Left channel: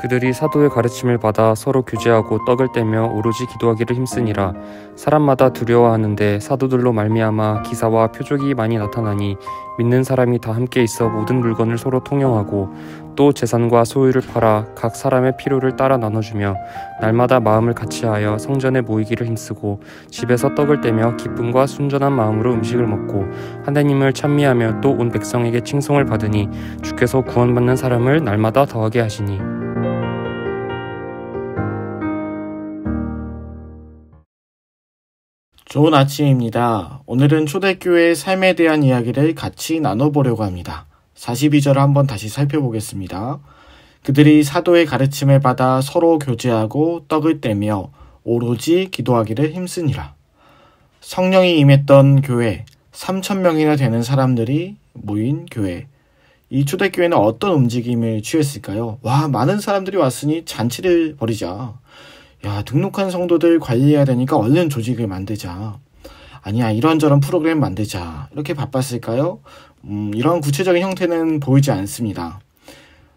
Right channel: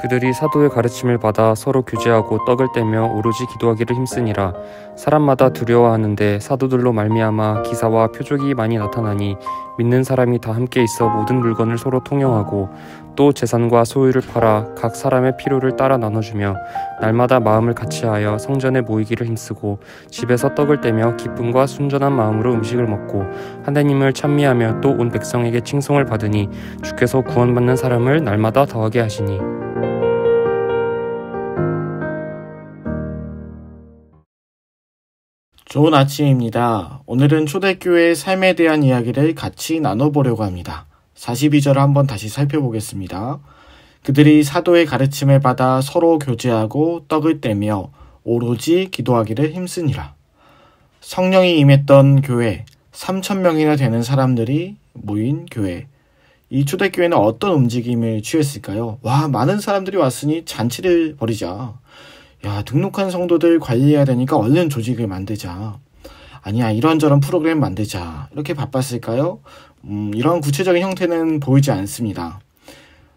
그들이 사도의 가르침을 받아 서로 교제하고 떡을 떼며 오로지 기도하기를 힘쓰니라. 사람마다 두려워하는데 사도들로 말미암아 기사와 표적이 많이 나타나니 믿는 사람이 다 함께 있어 모든 물건을 서로 통용하고 또 재산과 소유를 팔아 각 사람의 필요를 따라 나눠주며 날마다 마음을 같이하여 성전에 모이기를 힘쓰고 집에서 떡을 떼며 기쁨과 순전한 마음으로 음식을 먹고 하나님을 찬미하며 또 온 백성에게 칭송을 받으니 주께서 구원받는 사람을 날마다 더하게 하시니. 좋은 아침입니다. 오늘은 초대교회의 삶에 대한 이야기를 같이 나눠보려고 합니다. 42절을 한번 다시 살펴보겠습니다. 그들이 사도의 가르침을 받아 서로 교제하고 떡을 떼며 오로지 기도하기를 힘쓰니라. 성령이 임했던 교회, 3,000명이나 되는 사람들이 모인 교회. 이 초대교회는 어떤 움직임을 취했을까요? 와, 많은 사람들이 왔으니 잔치를 벌이자. 야, 등록한 성도들 관리해야 되니까 얼른 조직을 만들자. 아니야, 이런저런 프로그램 만들자. 이렇게 바빴을까요? 이런 구체적인 형태는 보이지 않습니다.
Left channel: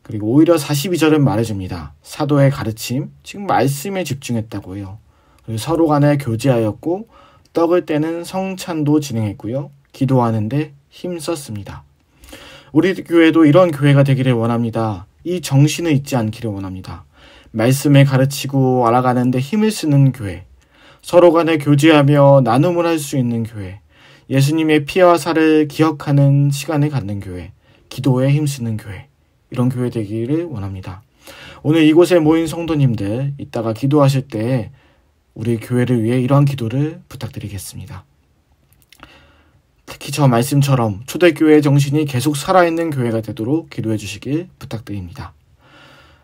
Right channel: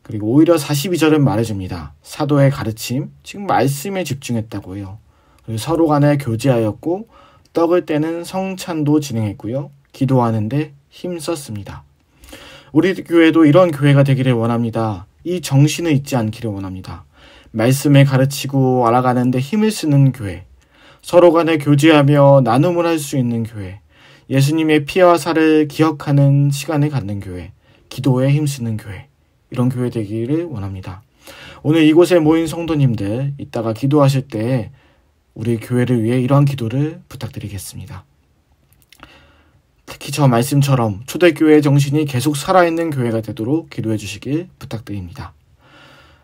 그리고 오히려 42절은 말해줍니다. 사도의 가르침, 지금 말씀에 집중했다고 해요. 그리고 서로 간에 교제하였고 떡을 떼는 성찬도 진행했고요. 기도하는데 힘썼습니다. 우리 교회도 이런 교회가 되기를 원합니다. 이 정신을 잊지 않기를 원합니다. 말씀을 가르치고 알아가는데 힘을 쓰는 교회, 서로 간에 교제하며 나눔을 할 수 있는 교회, 예수님의 피와 살을 기억하는 시간을 갖는 교회, 기도에 힘쓰는 교회, 이런 교회 되기를 원합니다. 오늘 이곳에 모인 성도님들, 이따가 기도하실 때 우리 교회를 위해 이러한 기도를 부탁드리겠습니다. 특히 저 말씀처럼 초대교회의 정신이 계속 살아있는 교회가 되도록 기도해 주시길 부탁드립니다.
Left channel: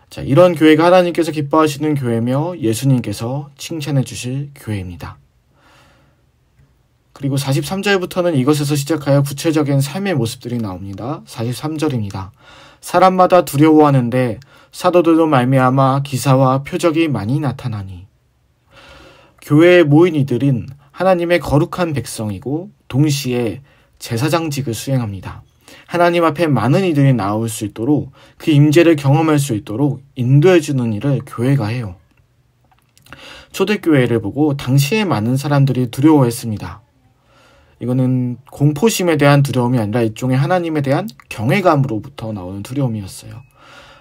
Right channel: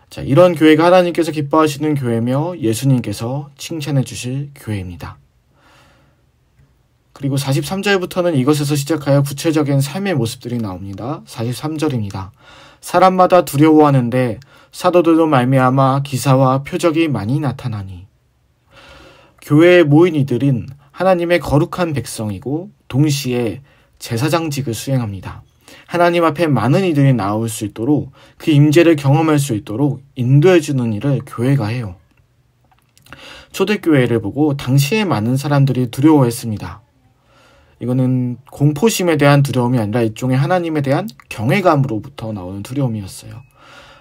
자, 이런 교회가 하나님께서 기뻐하시는 교회며 예수님께서 칭찬해 주실 교회입니다. 그리고 43절부터는 이것에서 시작하여 구체적인 삶의 모습들이 나옵니다. 43절입니다. 사람마다 두려워하는데 사도들로 말미암아 기사와 표적이 많이 나타나니. 교회에 모인 이들은 하나님의 거룩한 백성이고 동시에 제사장직을 수행합니다. 하나님 앞에 많은 이들이 나올 수 있도록 그 임재를 경험할 수 있도록 인도해 주는 일을 교회가 해요. 초대교회를 보고 당시에 많은 사람들이 두려워했습니다. 이거는 공포심에 대한 두려움이 아니라 일종의 하나님에 대한 경외감으로부터 나오는 두려움이었어요.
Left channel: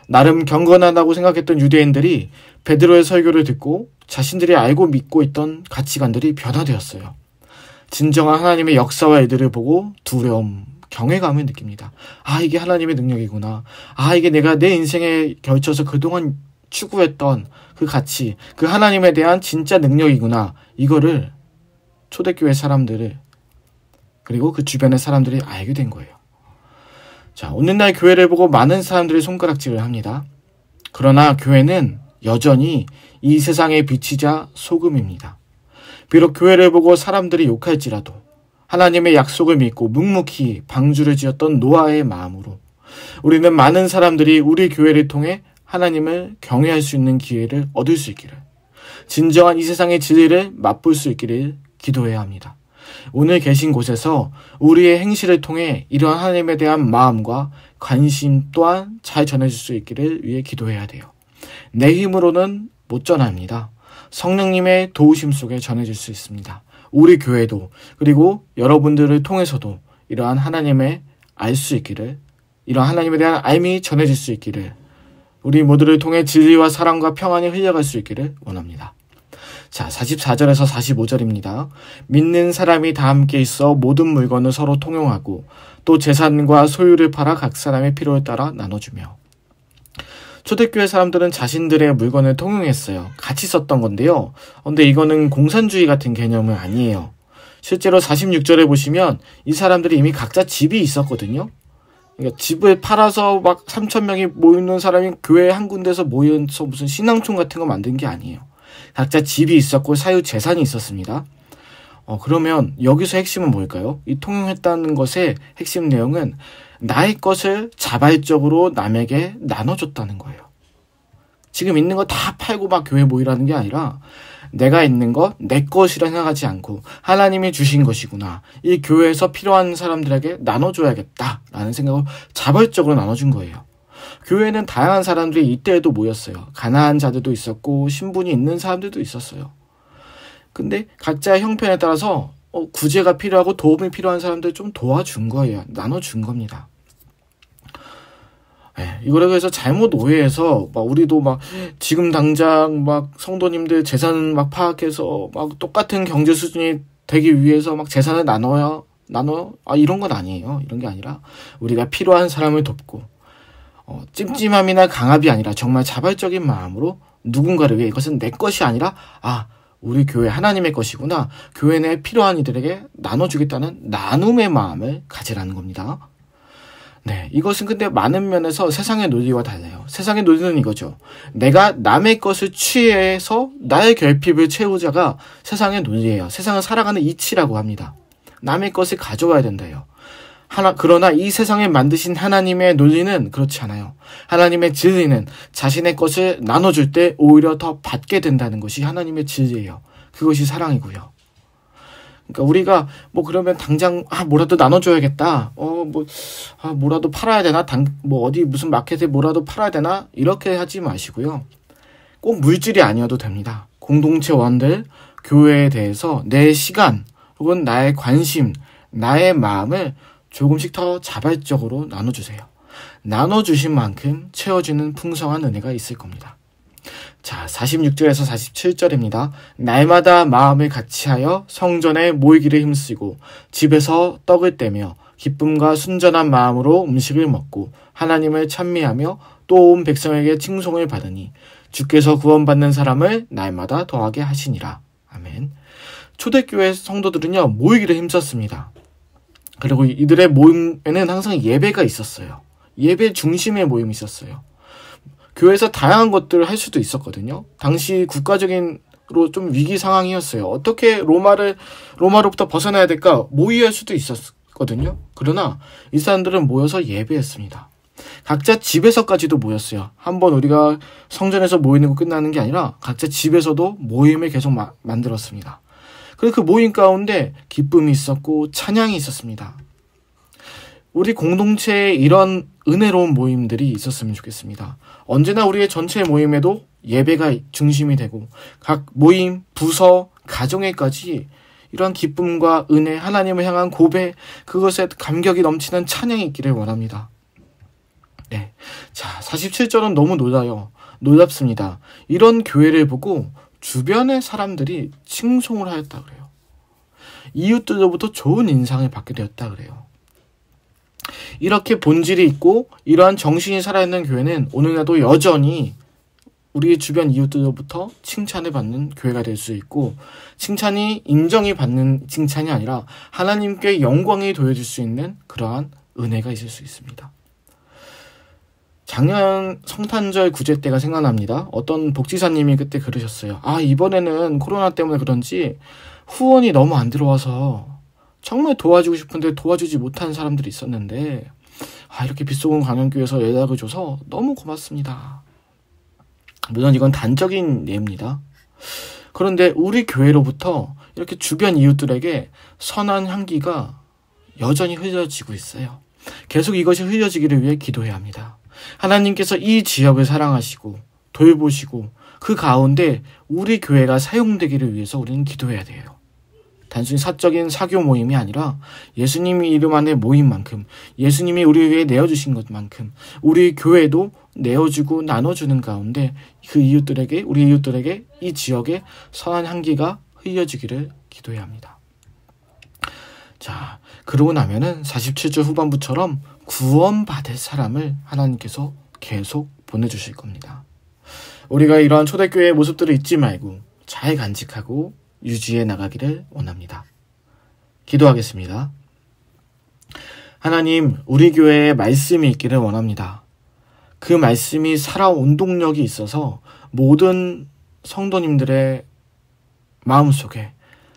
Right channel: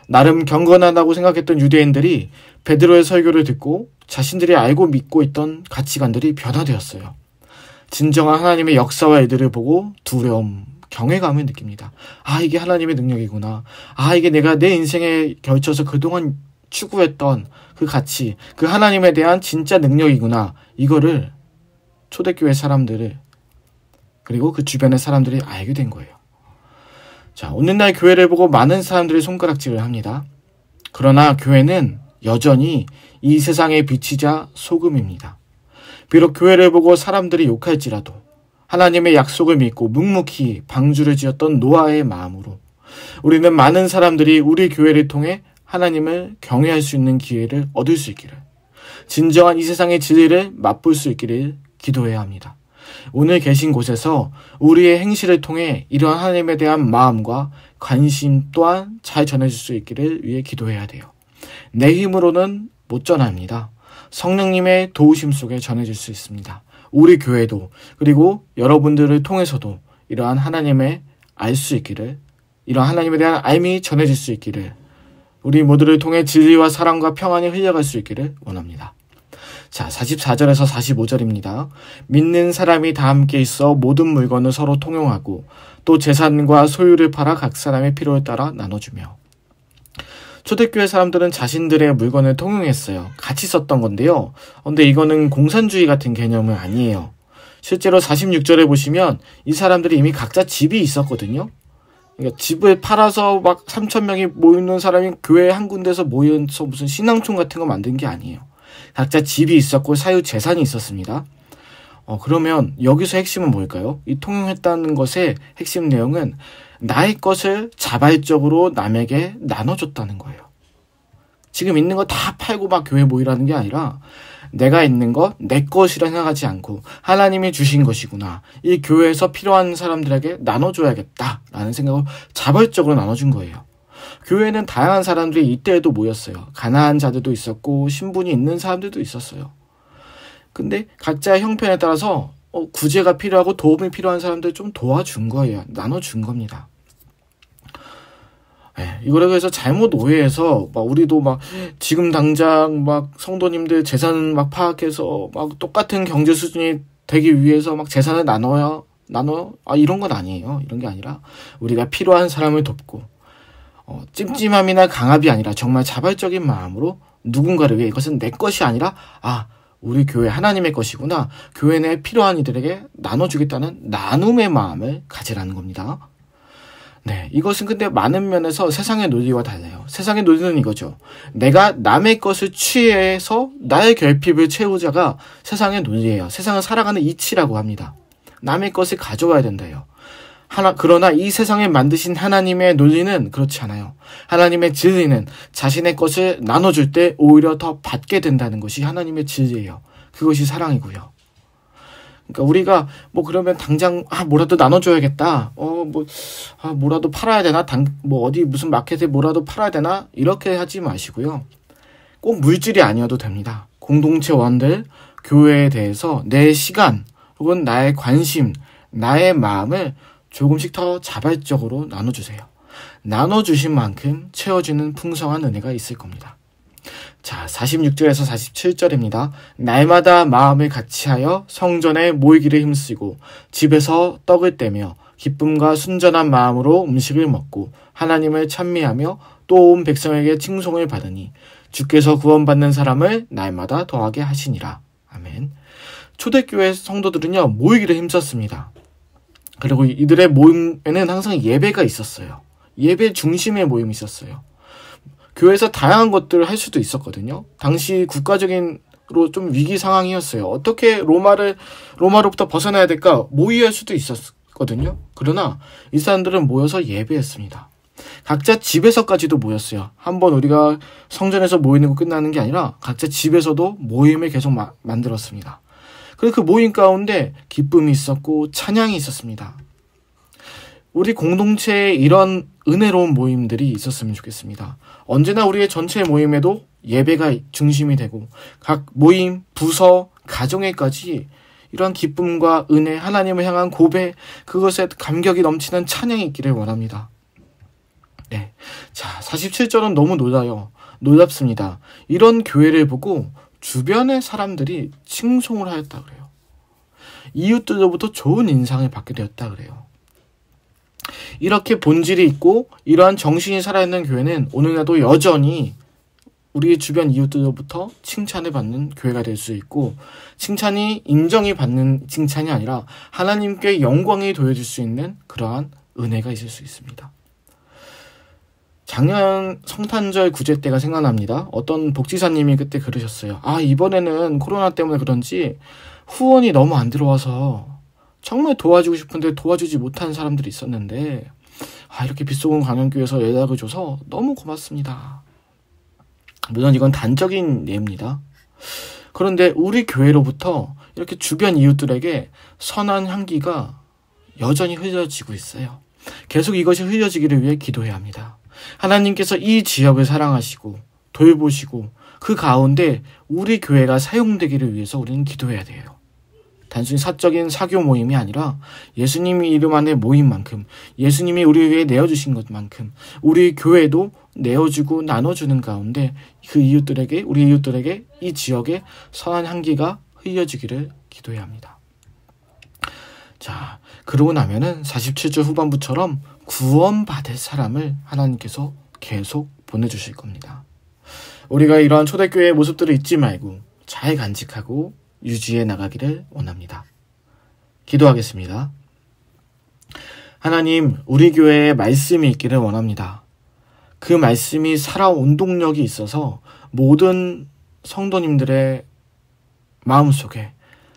나름 경건하다고 생각했던 유대인들이 베드로의 설교를 듣고 자신들이 알고 믿고 있던 가치관들이 변화되었어요. 진정한 하나님의 역사와 일들을 보고 두려움, 경외감을 느낍니다. 아, 이게 하나님의 능력이구나. 아, 이게 내가 내 인생에 걸쳐서 그동안 추구했던 그 가치, 그 하나님에 대한 진짜 능력이구나. 이거를 초대교회 사람들을 그리고 그 주변의 사람들이 알게 된 거예요. 자, 오늘날 교회를 보고 많은 사람들이 손가락질을 합니다. 그러나 교회는 여전히 이 세상의 빛이자 소금입니다. 비록 교회를 보고 사람들이 욕할지라도 하나님의 약속을 믿고 묵묵히 방주를 지었던 노아의 마음으로 우리는 많은 사람들이 우리 교회를 통해 하나님을 경외할 수 있는 기회를 얻을 수 있기를, 진정한 이 세상의 진리를 맛볼 수 있기를 기도해야 합니다. 오늘 계신 곳에서 우리의 행실을 통해 이러한 하나님에 대한 마음과 관심 또한 잘 전해질 수 있기를 위해 기도해야 돼요. 내 힘으로는 못 전합니다. 성령님의 도우심 속에 전해질 수 있습니다. 우리 교회도 그리고 여러분들을 통해서도 이러한 하나님의 알 수 있기를, 이러한 하나님에 대한 알미 전해질 수 있기를, 우리 모두를 통해 진리와 사랑과 평안이 흘려갈 수 있기를 원합니다. 자, 44절에서 45절입니다. 믿는 사람이 다 함께 있어 모든 물건을 서로 통용하고 또 재산과 소유를 팔아 각 사람의 필요에 따라 나눠주며. 초대교회 사람들은 자신들의 물건을 통용했어요. 같이 썼던 건데요. 근데 이거는 공산주의 같은 개념은 아니에요. 실제로 46절에 보시면 이 사람들이 이미 각자 집이 있었거든요. 그러니까 집을 팔아서 막 3,000명이 모이는 사람이 교회 한 군데서 모여서 무슨 신앙촌 같은 거 만든 게 아니에요. 각자 집이 있었고 사유 재산이 있었습니다. 그러면 여기서 핵심은 뭘까요? 이 통용했다는 것의 핵심 내용은 나의 것을 자발적으로 남에게 나눠줬다는 거예요. 지금 있는 거 다 팔고 막 교회 모이라는 게 아니라 내가 있는 거 내 것이라 생각하지 않고 하나님이 주신 것이구나. 이 교회에서 필요한 사람들에게 나눠줘야겠다라는 생각을 자발적으로 나눠준 거예요. 교회에는 다양한 사람들이 이때에도 모였어요. 가난한 자들도 있었고 신분이 있는 사람들도 있었어요. 근데 각자의 형편에 따라서 구제가 필요하고 도움이 필요한 사람들 좀 도와준 거예요. 나눠준 겁니다. 이거라고 해서 잘못 오해해서 우리도 지금 당장 성도님들 재산 파악해서 똑같은 경제 수준이 되기 위해서 재산을 나눠 이런 건 아니에요. 이런 게 아니라 우리가 필요한 사람을 돕고 찜찜함이나 강압이 아니라 정말 자발적인 마음으로 누군가를 위해 이것은 내 것이 아니라 우리 교회 하나님의 것이구나. 교회 내에 필요한 이들에게 나눠주겠다는 나눔의 마음을 가지라는 겁니다. 네, 이것은 근데 많은 면에서 세상의 논리와 달라요. 세상의 논리는 이거죠. 내가 남의 것을 취해서 나의 결핍을 채우자가 세상의 논리예요. 세상을 살아가는 이치라고 합니다. 남의 것을 가져와야 된다요. 그러나 이 세상을 만드신 하나님의 논리는 그렇지 않아요. 하나님의 진리는 자신의 것을 나눠줄 때 오히려 더 받게 된다는 것이 하나님의 진리예요. 그것이 사랑이고요. 그러니까 우리가 그러면 당장 뭐라도 나눠줘야겠다. 뭐라도 팔아야 되나? 어디 무슨 마켓에 뭐라도 팔아야 되나? 이렇게 하지 마시고요. 꼭 물질이 아니어도 됩니다. 공동체원들, 교회에 대해서 내 시간 혹은 나의 관심, 나의 마음을 조금씩 더 자발적으로 나눠주세요. 나눠주신 만큼 채워지는 풍성한 은혜가 있을 겁니다. 자, 46절에서 47절입니다. 날마다 마음을 같이하여 성전에 모이기를 힘쓰고 집에서 떡을 떼며 기쁨과 순전한 마음으로 음식을 먹고 하나님을 찬미하며 또 온 백성에게 칭송을 받으니 주께서 구원받는 사람을 날마다 더하게 하시니라. 아멘. 초대교회 성도들은요, 모이기를 힘썼습니다. 그리고 이들의 모임에는 항상 예배가 있었어요. 예배 중심의 모임이 있었어요. 교회에서 다양한 것들을 할 수도 있었거든요. 당시 국가적인로 좀 위기 상황이었어요. 어떻게 로마로부터 벗어나야 될까 모의할 수도 있었거든요. 그러나 이 사람들은 모여서 예배했습니다. 각자 집에서까지도 모였어요. 한번 우리가 성전에서 모이는 거 끝나는 게 아니라 각자 집에서도 모임을 계속 만들었습니다. 그리고 그 모임 가운데 기쁨이 있었고 찬양이 있었습니다. 우리 공동체에 이런 은혜로운 모임들이 있었으면 좋겠습니다. 언제나 우리의 전체 모임에도 예배가 중심이 되고 각 모임, 부서, 가정에까지 이러한 기쁨과 은혜, 하나님을 향한 고백, 그것에 감격이 넘치는 찬양이 있기를 원합니다. 네, 자, 47절은 너무 놀랍습니다. 이런 교회를 보고 주변의 사람들이 칭송을 하였다 그래요. 이웃들로부터 좋은 인상을 받게 되었다 그래요. 이렇게 본질이 있고 이러한 정신이 살아있는 교회는 오늘날도 여전히 우리의 주변 이웃들로부터 칭찬을 받는 교회가 될 수 있고, 칭찬이 인정이 받는 칭찬이 아니라 하나님께 영광이 도여질 수 있는 그러한 은혜가 있을 수 있습니다. 작년 성탄절 구제 때가 생각납니다. 어떤 복지사님이 그때 그러셨어요. 이번에는 코로나 때문에 그런지 후원이 너무 안 들어와서 정말 도와주고 싶은데 도와주지 못한 사람들이 있었는데 이렇게 빗속은 광연교회에서 연락을 줘서 너무 고맙습니다. 물론 이건 단적인 예입니다. 그런데 우리 교회로부터 이렇게 주변 이웃들에게 선한 향기가 여전히 흘려지고 있어요. 계속 이것이 흘려지기를 위해 기도해야 합니다. 하나님께서 이 지역을 사랑하시고 돌보시고 그 가운데 우리 교회가 사용되기를 위해서 우리는 기도해야 돼요. 단순히 사적인 사교 모임이 아니라 예수님이 이름 안에 모임만큼, 예수님이 우리 위해 내어주신 것만큼 우리 교회도 내어주고 나눠주는 가운데 그 이웃들에게, 우리 이웃들에게 이 지역에 선한 향기가 흘려지기를 기도해야 합니다. 자, 그러고 나면은 47절 후반부처럼 구원받을 사람을 하나님께서 계속 보내주실 겁니다. 우리가 이러한 초대교회의 모습들을 잊지 말고 잘 간직하고 유지해 나가기를 원합니다. 기도하겠습니다. 하나님, 우리 교회에 말씀이 있기를 원합니다. 그 말씀이 살아온 동력이 있어서 모든 성도님들의 마음속에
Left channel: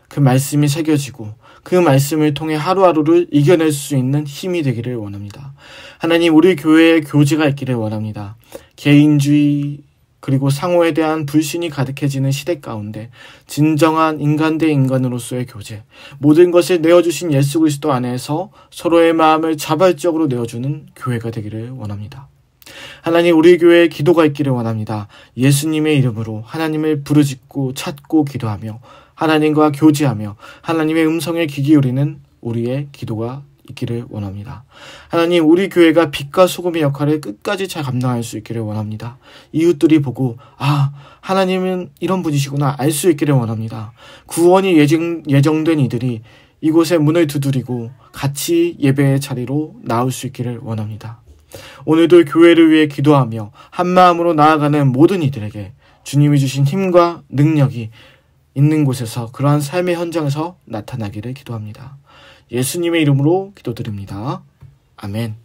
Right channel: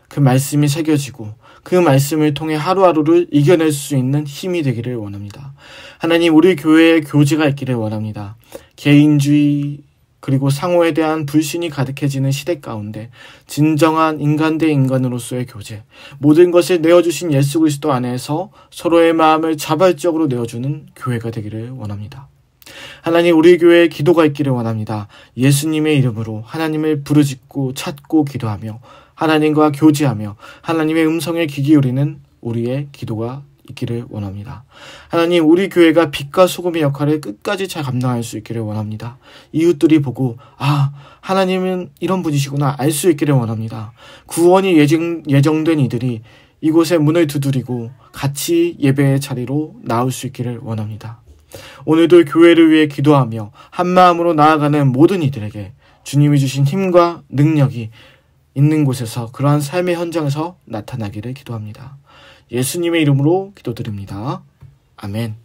그 말씀이 새겨지고 그 말씀을 통해 하루하루를 이겨낼 수 있는 힘이 되기를 원합니다. 하나님, 우리 교회에 교제가 있기를 원합니다. 개인주의 그리고 상호에 대한 불신이 가득해지는 시대 가운데 진정한 인간 대 인간으로서의 교제, 모든 것을 내어주신 예수 그리스도 안에서 서로의 마음을 자발적으로 내어주는 교회가 되기를 원합니다. 하나님, 우리 교회에 기도가 있기를 원합니다. 예수님의 이름으로 하나님을 부르짖고 찾고 기도하며 하나님과 교제하며 하나님의 음성에 귀 기울이는 우리의 기도가 있기를 원합니다. 하나님, 우리 교회가 빛과 소금의 역할을 끝까지 잘 감당할 수 있기를 원합니다. 이웃들이 보고 하나님은 이런 분이시구나 알 수 있기를 원합니다. 구원이 예정된 이들이 이곳에 문을 두드리고 같이 예배의 자리로 나올 수 있기를 원합니다. 오늘도 교회를 위해 기도하며 한마음으로 나아가는 모든 이들에게 주님이 주신 힘과 능력이 있는 곳에서 그러한 삶의 현장에서 나타나기를 기도합니다. 예수님의 이름으로 기도드립니다. 아멘.